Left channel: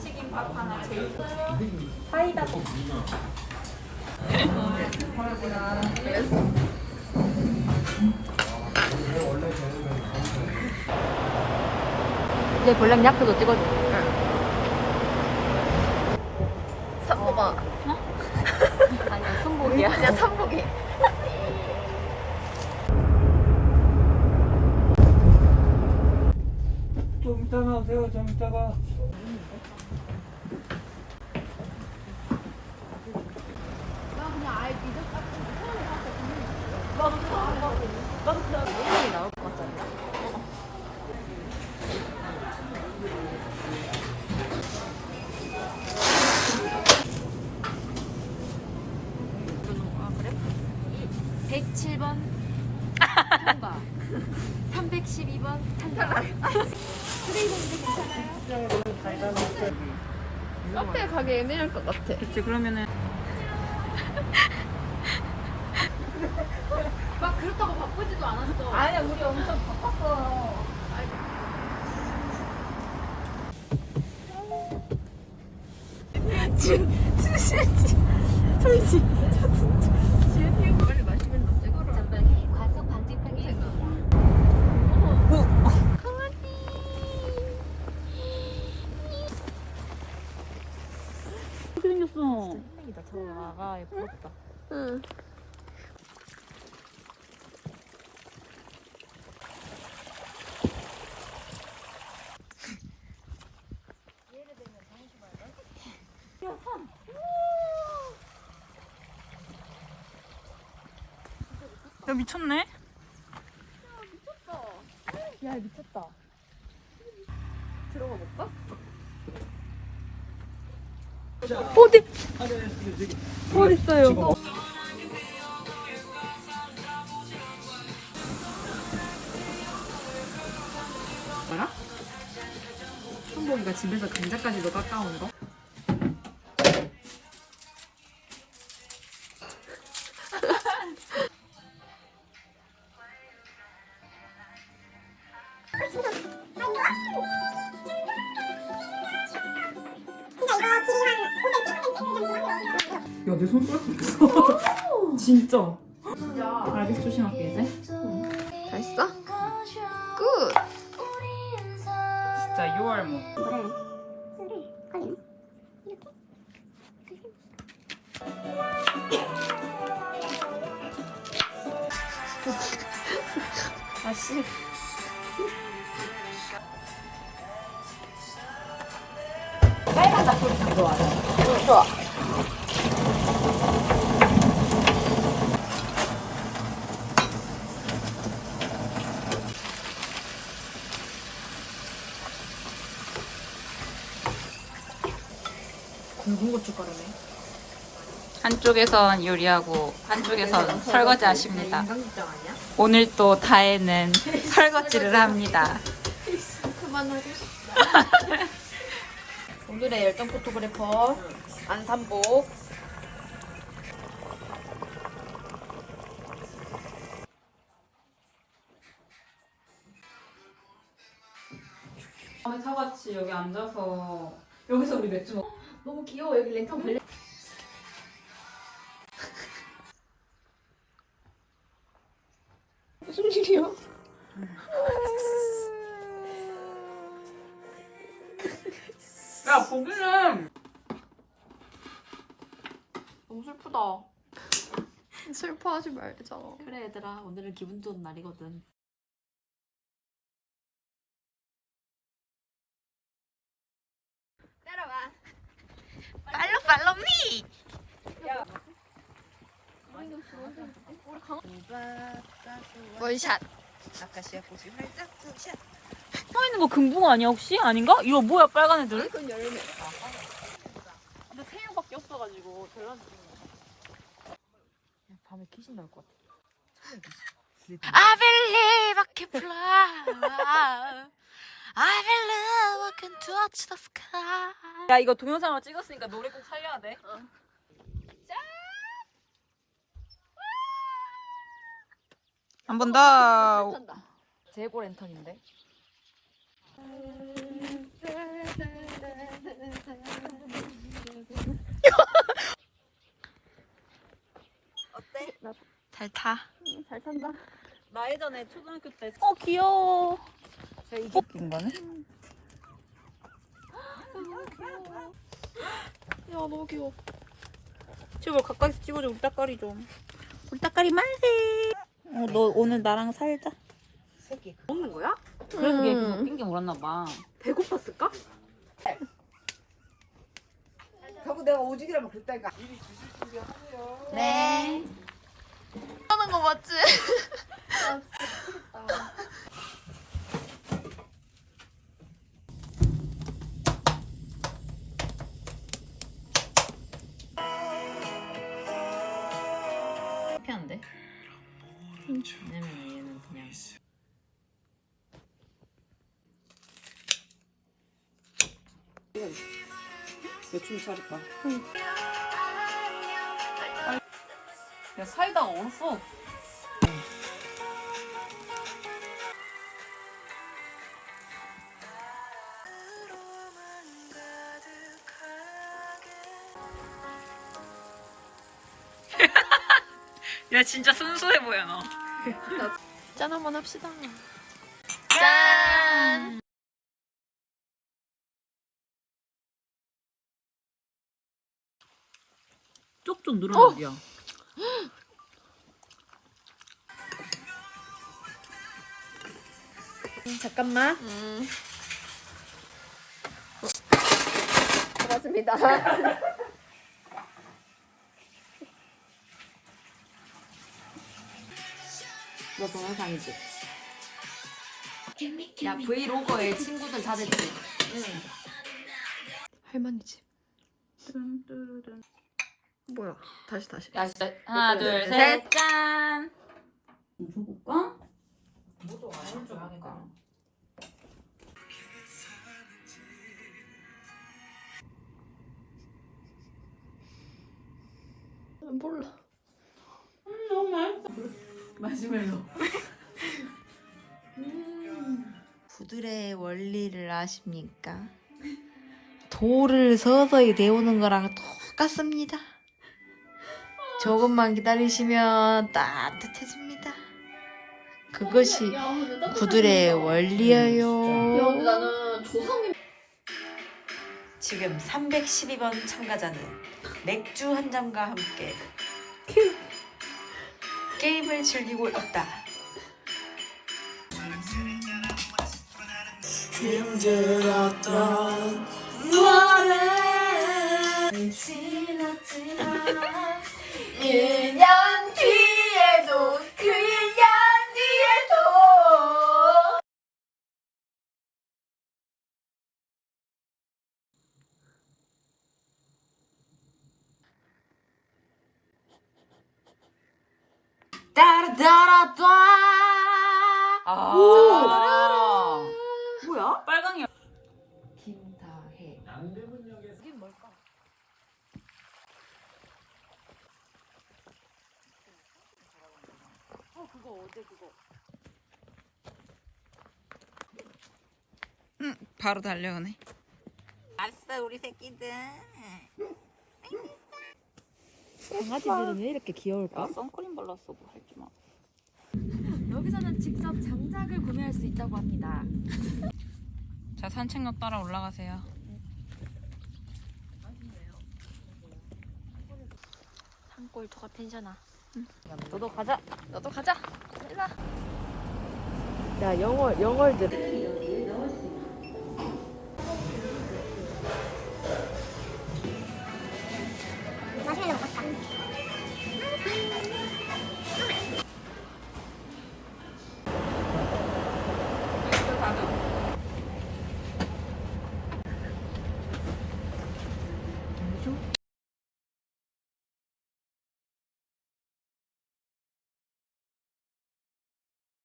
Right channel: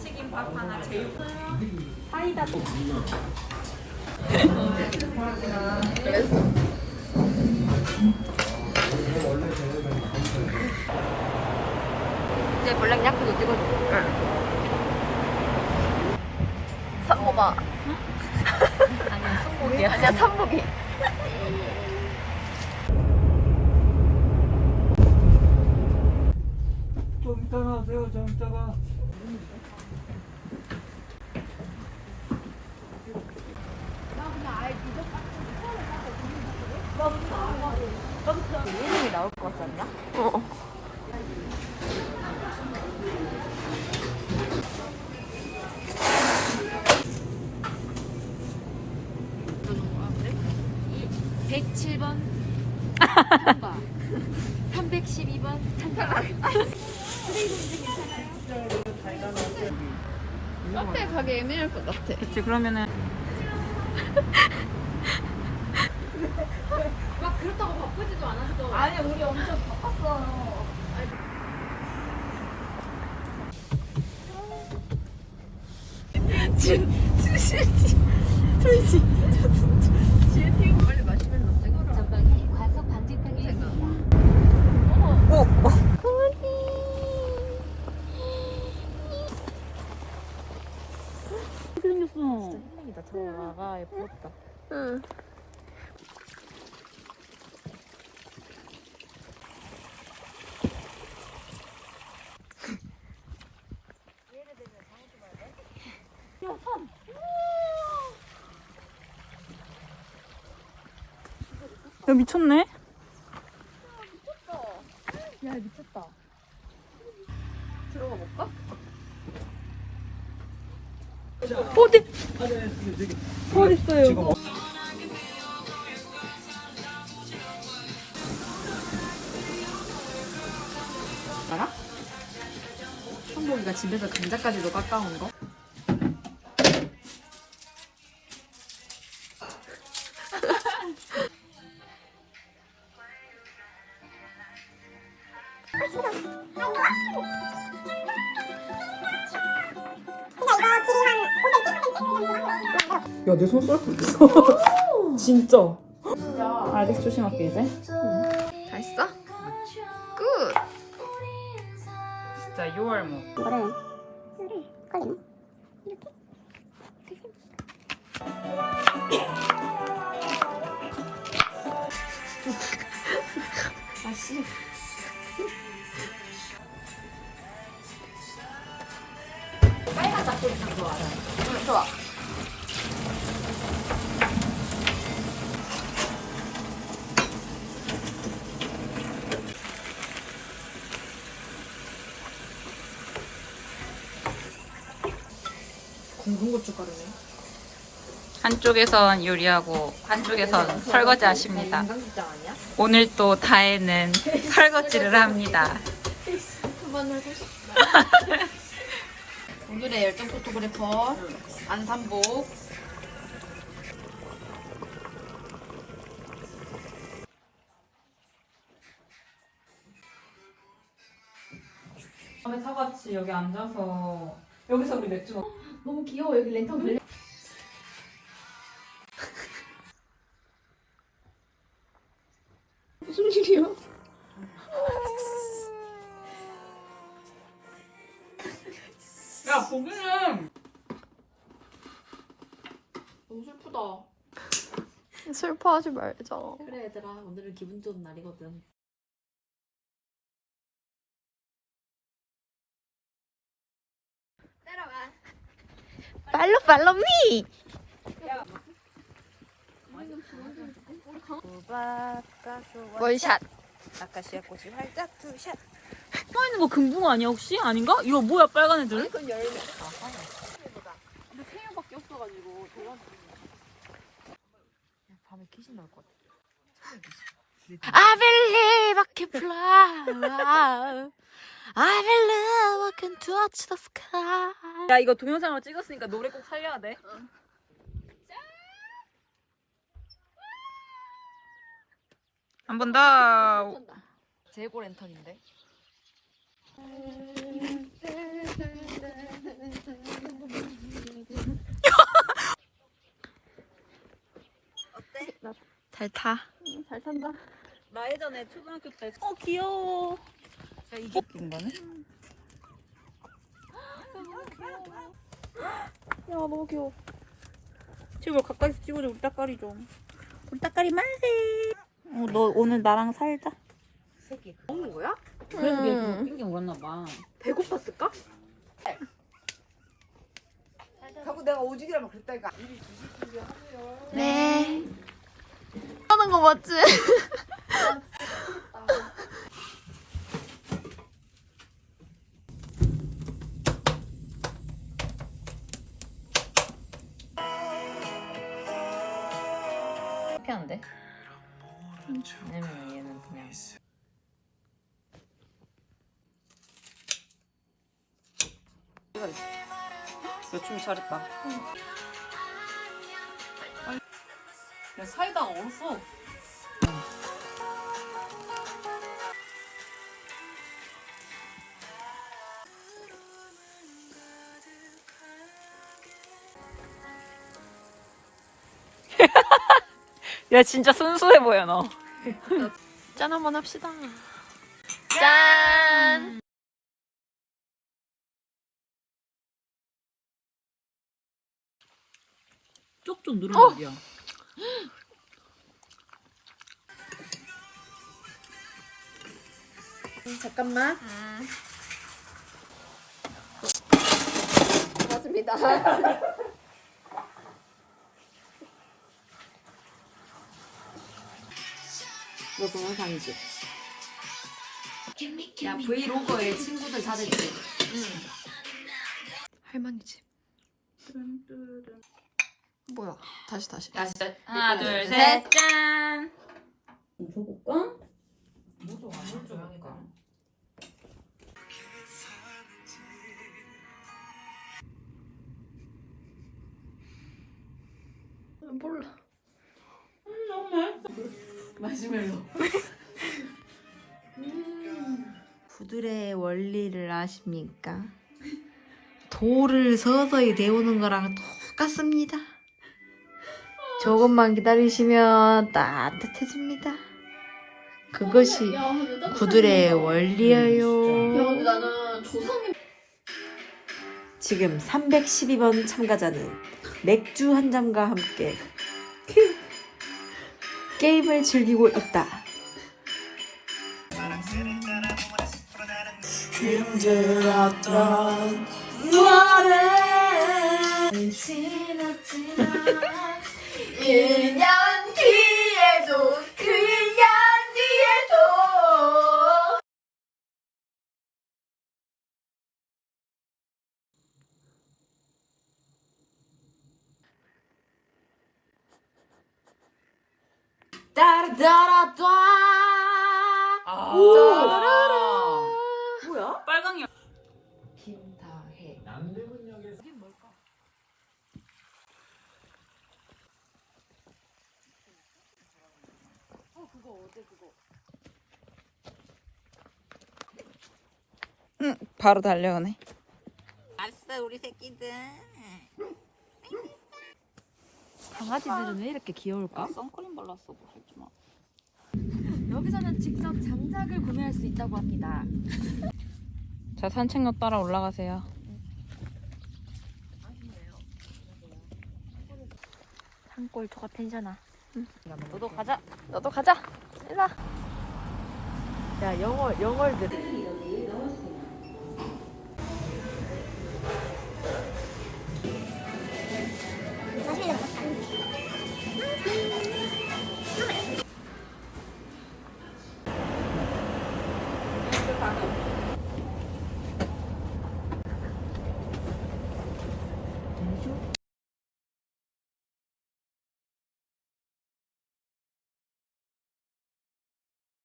김치김밥 하나 제육 이제 블랙 야크도 찍어줘. 삼보가 아니, 승복이야. 아니야 삼복이 좀 이따 나오세요, 좀 이따가. 아, 그래? 107번 통과. 312번 통과. 카페 가기 애매할 것 같아 그치, 그러면은. 막 그렇다고 바쁘지도 않았어. 아니야 우리 엄청 바빴어. 전방에 생맥이다. 저거가 예쁘다. 응 야 미쳤네. 있어요? 알아? 한복이가 집에서 감자까지도 깎아온 거? 야, 내손 썰고 있어. 진짜. 알겠어 조심할게 이제. 다 했어? 굿 진짜 6월 뭐. 아씨. 응, 좋아 굵은 고춧가루네. 한쪽에선 요리하고 한쪽에선 설거지 하십니다. 오늘 또 다혜는 설거지를 합니다. 오늘의 열정 포토그래퍼 안산복. 다음에 사같이 여기 앉아서 여기서 우리 맥주 먹. 귀여워 여기 랜턴 걸려. 무슨 일이야? 야 보기는 너무 슬프다. 슬퍼하지 말자 그래 얘들아 오늘은 기분 좋은 날이거든. 팔로 팔로 미 월샷 서 있는 거 금붕어 아니야 혹시? 아닌가? 이거 뭐야 빨간 애들? 근데 새우밖에 없어가지고 밤에 귀신 나올 것 같아. I believe I can fly 야 이거 동영상을 찍었으니까 노래 꼭 살려야 돼. 한 번 더. 재고 랜턴인데. 잘 타. 잘 탄다. 나 예전에 초등학교 때. 어 귀여워. 이긴 거네? 야 너무 귀여워. 제발 가까이서 찍어줘 우리 따까리 좀. 우리 따까리 말해. 어너 오늘 나랑 살자. 먹는 거야? 그래서 걔 계속 핑계 물었나 봐. 배고팠을까? 자꾸 내가 오직이라면 그랬다니까. 네. 하는 거 맞지? 왜냐면 얘는 그냥. 요즘 잘했다. 야 사이다가 얼었어. 야 진짜 순수해 보여 너. 짠 한번 합시다. 짠. 쪽쪽 늘어나지야. 잠깐만. 음. 고맙습니다. 너 동영상이지? 야 브이로그에 친구들 다 됐지. 할머니지. 뭐야? 다시 다시. 야 진짜 하나 둘, 둘 셋. 셋 짠. 줘볼까? 몰라. 마시멜로. 구들의 원리를 아십니까? 돌을 서서히 데우는 거랑 똑같습니다. 조금만 기다리시면 따뜻해집니다. 그것이 구들의 원리예요. 지금 312번 참가자는 맥주 한 잔과 함께 게임을 즐기고 있다. 힘들었던 노래 1년 뒤에도 그 1년 뒤에도 따라따라따 아. 뭐야? 빨강이. 김다혜 남대문역에서 어 그거 어제 그거 바로 달려오네. 아싸 우리 새끼들. 강아지들은 왜 이렇게 귀여울까? 나 선크림 발랐어 뭐 할줄 마. 여기서는 직접 장작을 구매할 수 있다고 합니다. 자 산책로 따라 올라가세요. 산골 같텐잖아 너도 가자. 너도 가자. 일로 와.